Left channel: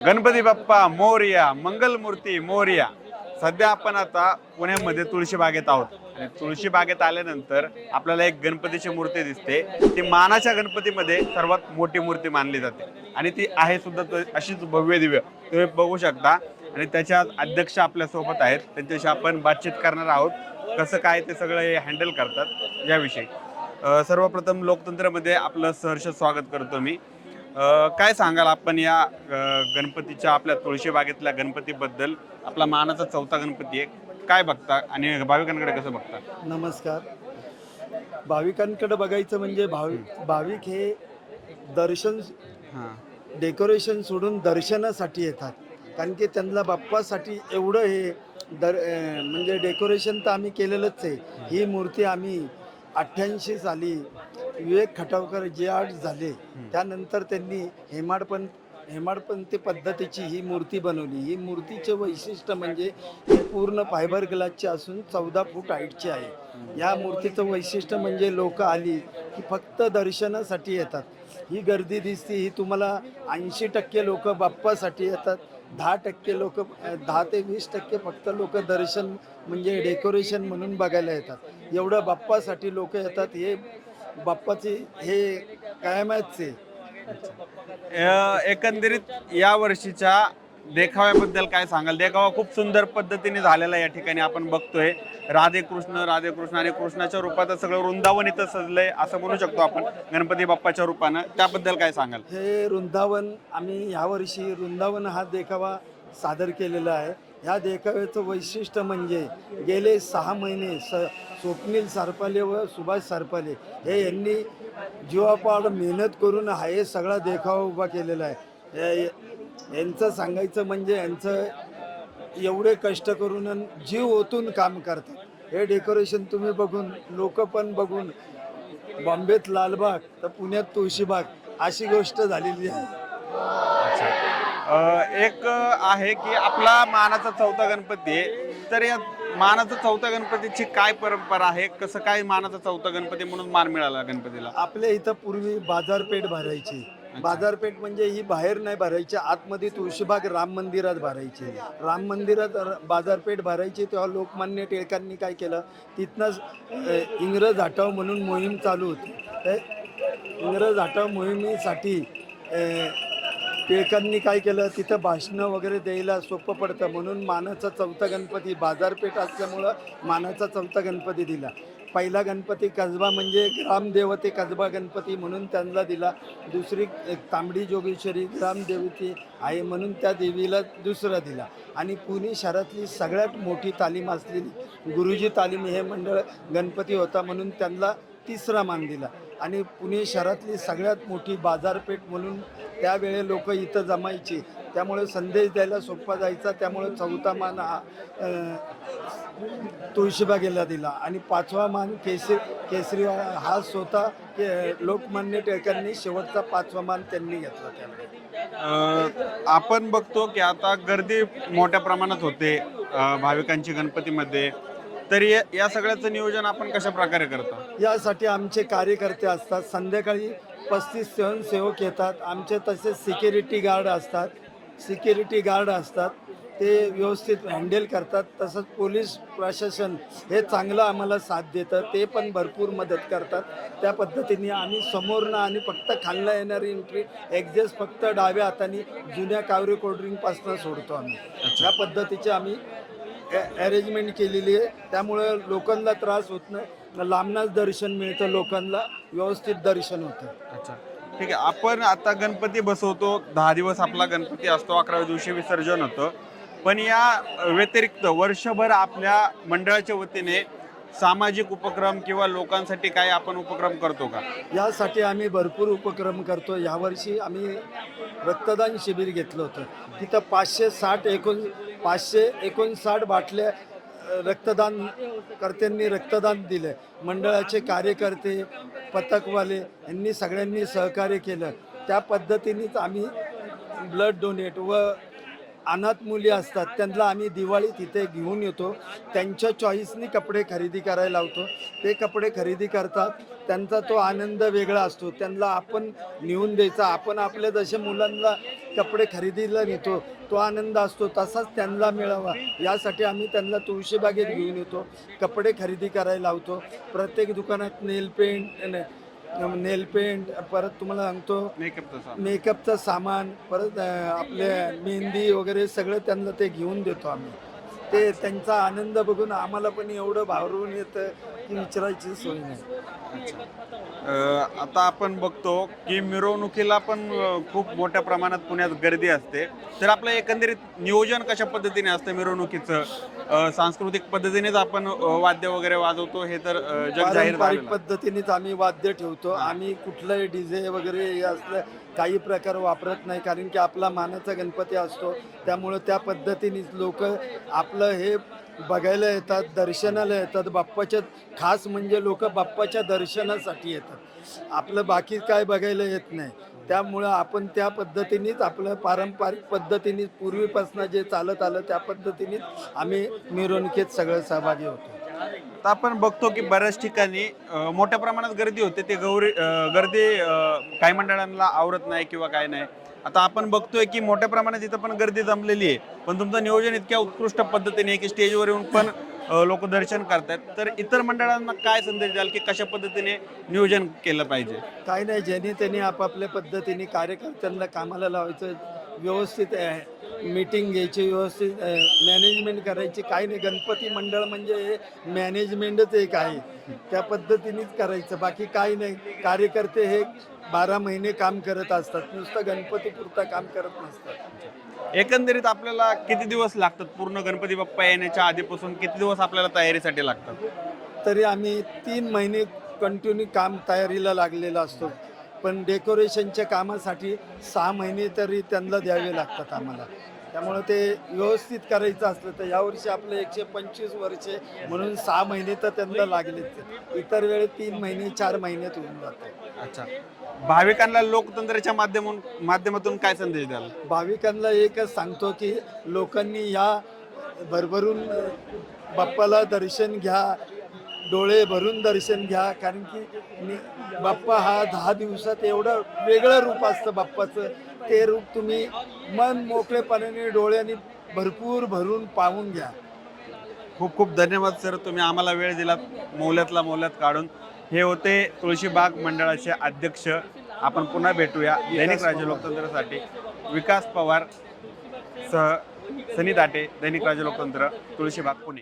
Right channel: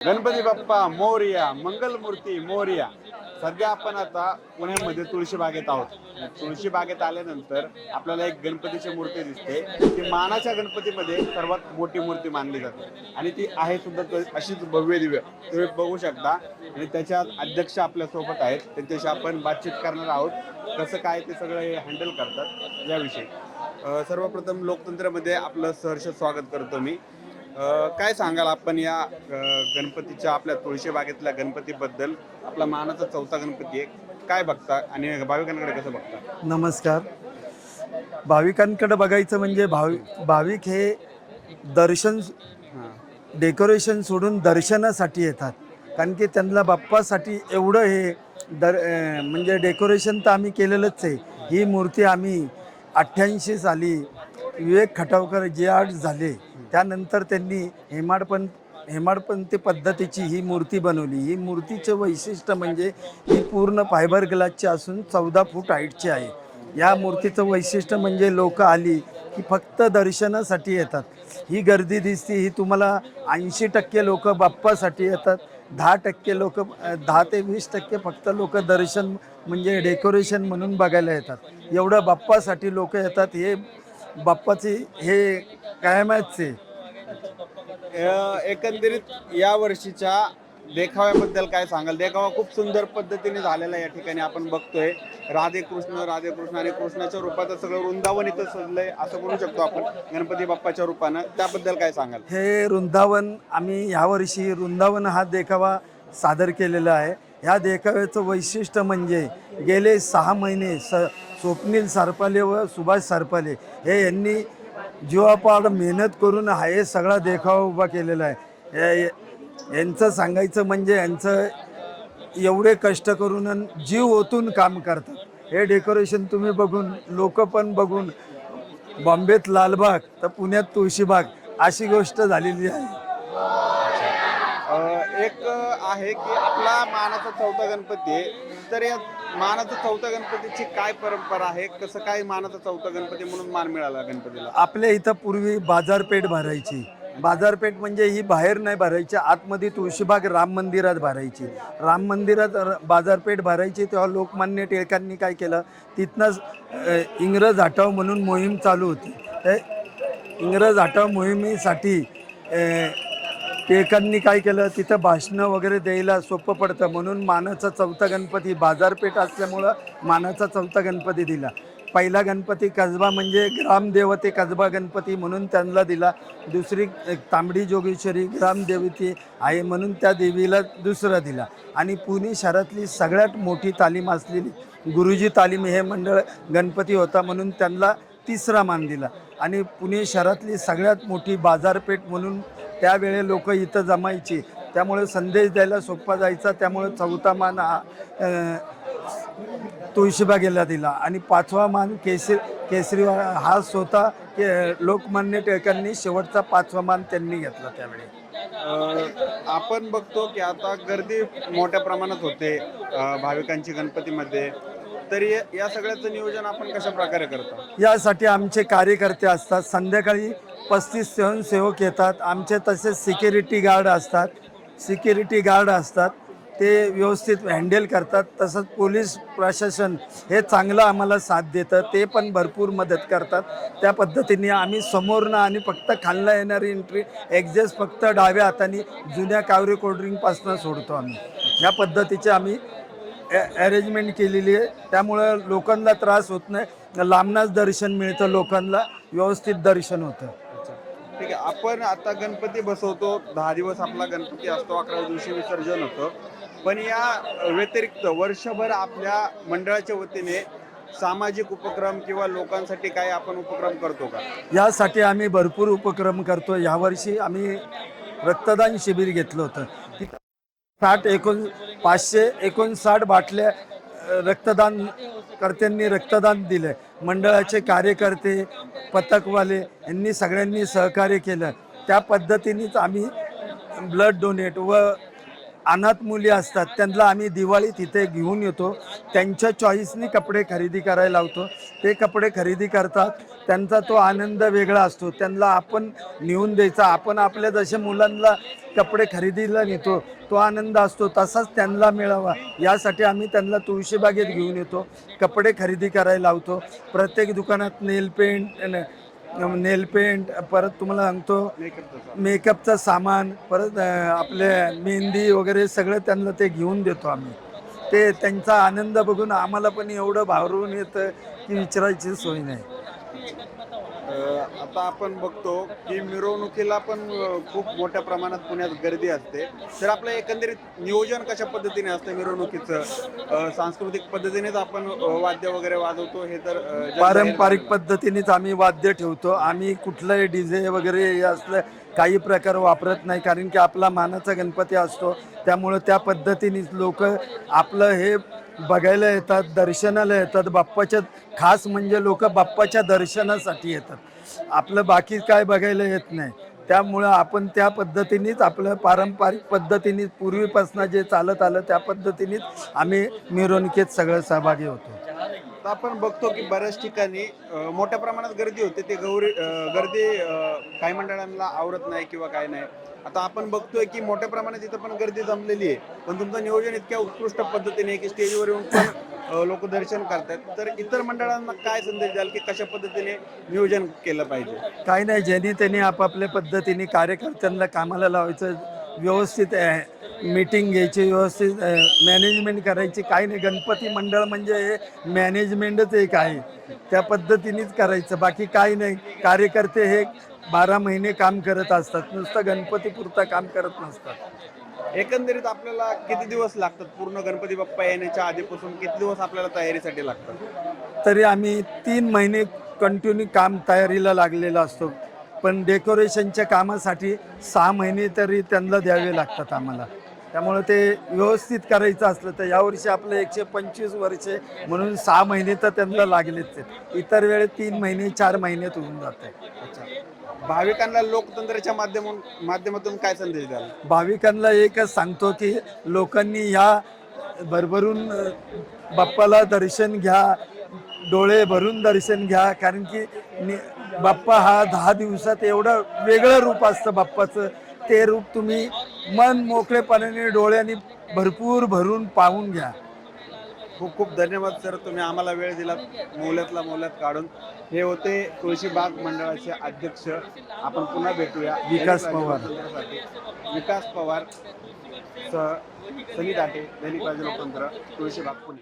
गणपती बाप्पा मोरया, मंगलमूर्ती मोरया. सध्या आपण आता पुण्यामध्ये तुळशीबागेत आहोत आणि तुळशीबागेत आल्यानंतर आपल्याला एक गणपतीची मूर्ती दिसते. ती मानाच्या गणपतीमध्ये सर्वात मोठी मूर्ती मानली जाते आणि ती आहे सुद्धा अशीच भव्य दिव्य तुम्ही बघू शकता. आणि त्याच्या अध्यक्ष आपल्या सोबत आहेत, त्यांच्याशी आपण बातचीत करणार आहोत कसं काय ते सगळं हे हँडल करतात याविषयी. सर्वप्रथम लोकतंत्रमध्ये आपलं सहर्ष स्वागत करतो मी. काय सांगाल आपण या गणपतीच्या आपल्या तुळशीबागेतल्या गणपतीबद्दल? आपला मानाचा चौथा गणपती आहे, काय बघता आणि भाविकांकडे कसं बघता? नमस्कार. भाविकांकडे बघायचं म्हणजे भाविक हे दर्शन हं. डेकोरेशन सोडून दर्शनासाठी येतात. कारण की त्यांना बाप्पासाठी एवढं हे म्हणजे डेकोरेशन तर आम्ही केलेलंच आहे. ही मूर्ती आम्ही 88 साली विवेक खटावकर जे आर्ट झाले त्यानंतर त्यांनी हेमाडपंथी पद्धतीची ही मूर्ती बनवली. ही मूर्तीचं वैशिष्ट्य म्हणजे ही पूर्ण फायबर ग्लासची असून 14 फूट हाईटची आहे. या मूर्तीचं वैशिष्ट्य म्हणजे लोक आली की फक्त दर्शनासाठी येतात. ही गर्दी दिसते ही तुम्हाला 80% लोक बाप्पासाठी येतात. 10% लोक 10 ते 20% फक्त लोक दर्शन म्हणजे डेकोरेशन म्हणून बघायला येतात. एवढं बाप्पासाठी लोक येतात. हे बाप्पाची हे कायमच आहे. एकंदरीत या वर्षीच्या देखाव्याबद्दल काय सांगाल? देखावा खूप सुंदर पद्धतीने झालेला या ठिकाणी आपण बघतोय. राधेकृष्ण राधेकृष्ण आणि कृष्णाच्या रूपात सगळं वृंदावन इथं सजलंय असं म्हणू शकतो आपण गणपती बाप्पाच्या रूपानं. त्याबद्दल काय सांगाल? हे वृंदावन आम्ही ह्यावर्षी वृंदावन हा देखावा सादर केलेला आहे. ह्या देखाव्याचं वैशिष्ट्य म्हणजे गेले 6 महिने स्वप्नील सरपाले व सुभाष सरपाले हे यांनी जीवापाड मेहनत करून हा हे सगळा देखावा उभा केलेला आहे. यांचं सांगायचं म्हणजे यांचं एवढे कष्ट करून आणि जीव ओतून काम करतात. हे डेकोरेशन तुम्ही बघून लोक पण बघून बॉम्बेत लालबाग तर पुण्यात तुळशीबाग अशी गोष्ट झालेली आहे. एक आहे की आपला मानाचा चौथा गणपती आहे, तर या मानाचा चौथा गणपतीची काय परंपरा आहे? कसं काय मानाचा चौथा गणपती म्हणून मान मिळाला गणपतीला? आपल्या इथं पूर्वी बाजारपेठ भरायची. बाजारपेठ म्हणजे ही बाहेर नाही भरायची, आतमध्ये तुळशीबाग राम मंदिरात भरायची. राम मंदिरात बाजारपेठ भरायची. तेव्हा लोकमान्य टिळकांनी काय केलं, तिथनंच इंग्रज हटाव म्हणून मोहीम चालू होती. इंग्रज हटाव मोहिमेसाठी टिळकांनी काय केलं, तिथं भाषणं वगैरे द्यायला सोपं पडतं म्हणून मानाचा चौथा गणपती बाजारपेठ असल्यामुळं मानाचा चौथा गणपती दिला. पहिला गणपती कसबा म्हणजे ग्रामदेवते कसबा गणपती म्हणून त्यांना दिला. दुसरी तांबडी जोगेश्वरी ग्रामदेवती आहे म्हणून त्या देवीला दुसरा दिला. आणि पुणे शहरातली सगळ्यात मोठी तालीम असलेली गुरुजी तालीम हे मंडळ गणपती होता म्हणून त्यांना तिसरा मान दिला. आणि पुणे शहरातली सगळ्यात मोठी बाजारपेठ म्हणून त्यावेळे लोक इथं जमायची, त्यामुळे संदेश द्यायला सोपा जायचा. त्यामुळे चौथा मान हा तुळशीबागेला दिला. आणि 5वा मान केसरी हा स्वतः लोकमान्य टिळकांनी शेवटचा 5वा मान त्यांनी घेतला त्यावेळी. आपण बघतो की आता गर्दी मोठ्या प्रमाणात होते भाविकांची गणपतीमध्ये, तर या सगळ्याचं नियोजन आपण कशा प्रकारे करतो? यासाठी आमचे कार्यकर्ते असतात. संध्याकाळी 35 स्वयंसेवक येतात. आमचे तसेच सिक्युरिटी गार्ड असतात. ते व्यवस्थित हँडल करतात. तसंच पोलीस प्रशासन हे चांगलं आम्हाला साथ देतं, ते पण भरपूर मदत करतात. त्या पद्धतीने आम्ही समोरनं आणि फक्त खालनं येणारी एंट्री एक्झॅस्ट फक्त डाव्या हाताने जुन्या कावरे कोल्ड्रिंकपासून सोडतो आम्ही. या पद्धतीचे आम्ही अरेंजमेंट केलेली आहे. त्यामुळं लोकांना त्रास होत नाही. लांबनच दर्शन मिळतं, लोकांना व्यवस्थित दर्शन होतं. अच्छा, ठीक आहे. आपण आता गणपती बसवतो, 10 दिवस आपला गणपती असतो, 11व्या दिवशी विसर्जन होतं. पण या व्यतिरिक्त वर्षभर आपल्या मंडळाच्या वतीने सामाजिक उपक्रम किंवा लोकांसाठी काय आपण उपक्रम करतो का? यासाठी आम्ही भरपूर उपक्रम करतो. यावर्षी आम्ही रक्तदान शिबिर घेतलं होतं. तिथं 559 बाटल्या रक्तदान कर्त्यांनी रक्तदान दिलं. मंडळाचे कार्यकर्ते पथकवाले यांनी सगळ्यांनी सहकार्य केलं. त्या पद्धतीनेच आम्ही ब्लड डोनेट व अनाथ मुली असतात त्यांना आम्ही दिवाळीत इथे घेऊन येतो, त्यांच्या चॉईसनी कपडे खरेदी करायला लावतो. ते कपडे खरेदी करतात, त्यांचा तो आनंद वेगळा असतो. त्यांना आपण नेऊन द्यायचा, आपण आपल्या जसे मुलांना कपडे खरेदीला नेतो तो आनंद असतो तसाच त्यांना मिळावा यासाठी आम्ही त्यांना तुळशीबागेत घेऊन येतो, कपडे खरेदी करायला लावतो. प्रत्येक दुकानात नेल पेंट परत तुम्हाला सांगतो मेकअपचं सामान, परत आपले मेहंदी वगैरे सगळं त्यांना ते घेऊन देतो आम्ही. ते त्यांचा आनंद बघून आम्हाला पण एवढं भारून येतं की विचारायची सोय नाही. आता आपण बघतो की मिरवणुकीला पण खूप मोठ्या प्रमाणात पुण्यात गर्दी असते. तर आपलं एकंदरीत नियोजन कशा पद्धतीने असतं मिरवणुकीचं? सांस्कृतिक पद्धतीनेच आपण वाद्य वगैरे वाजवतो हे तर जगजाहीर पारंपरिक झालेलं. पद्धतीनेच आम्ही वाद्य ठेवतो. आम्ही कुठलंही डीजे वगैरे हे असलं काही प्रकार वापरत नाही, कारण की आपला मानाचा गणपती असतो. त्यामुळं त्या पद्धतीनेच लोक आपलं हे बघायला येतात, दर्शनाला येतात. बाप्पाच्या खास म्हणजे लोक बाप्पाच्या दर्शनासाठी येतात, आपलं बाकी काय बघायला येत नाही. त्यामुळं आपण त्या पद्धतीनेच आपलं पारंपरिक पद्धतीने पूर्वीपासून जे चालत आलं त्या पद्धतीनेच आम्ही मिरवणुकीत सगळं सहभागी होतो. तर आपण बघतो की बऱ्याच ठिकाणी मोठ्या प्रमाणात गर्दी होते. ते गर्दी काही मंडळांना आवरत नाही किंवा काय नाही. आता आपण बघतोय की मोठ्या प्रमाणात इथं पण गर्दी जमलेली आहे, पण तुमचं नियोजन इतक्या उत्कृष्ट पद्धतीने की स्टेजवर येऊन पण लोक दर्शन करतात. तर इतर मंडळांना काय संदेश द्याल की कशा पद्धतीने नियोजन केलं पाहिजे? काही नाही, ज्यांनी त्यांनी आपापल्या पद्धतीने कार्यकर्त्यांना कामाला लावायचं, व्यवस्थित मीटिंग घ्यायची, व्यवस्थित मॅनेजमेंट करायची. काही नाही, गणपती मंडळ म्हणजे हे मॅनेजमेंटच एक आहे, त्या पद्धतीनेच करायचं. बाकी काही नाही. कार्यकर्ते हे 12 महिने काम करत असतात, नुसतं गणपतीपुरता काम करत नसतात. एकंदरीत आपल्याला किती दिवस लागतात? पूर्ण गणपती बाप्पा येण्याच्या आधीपासून किती दिवस आपल्याला तयारीसाठी लागतात? तरी आम्ही 3 महिने कंटिन्यू काम तयारीला लागलेला असतो. पण डेकोरेशनच्या कामासाठी 6 महिने तरी त्यांना द्यावे लागतात आम्हाला. त्यामुळं ते व्यवस्थित करायचं असलं तर यावर्षी आपलं 125 वर्षे म्हणून 6 महिने तर त्यांना लागलेच आहेत. इतर वेळेस 3 महिने 4 महिन्यात होऊन जाते. अच्छा. भाविकांना लोकतंत्राच्या माध्यमातून काय संदेश द्याल? भाविकांना एकच सांगतो की लोकांनी ह्या भरभरून बाप्पाला दर्शन घ्या, डोळे भरून दर्शन घ्या. कारण की बाप्पा हा 10 दिवसात एवढं वेगळं रूप असतं बाप्पाचं. ते रूप तुम्ही मन मोकळेपणाने डोळ्यांनी भरपूर भरून पाहून घ्या. खूप खूप धन्यवाद सर, तुम्ही आम्हाला वेळ दिला मोलात काढून. हे होते तुळशीबाग मंडळाचे अध्यक्ष. आपण पुन्हा भेटूया दैनिक राज्य पवार. लोकतंत्रासाठी. विकास पवार सह सनी दाटे, दैनिक राज्य लोकतंत्र, तुळशीबाग, पुणे.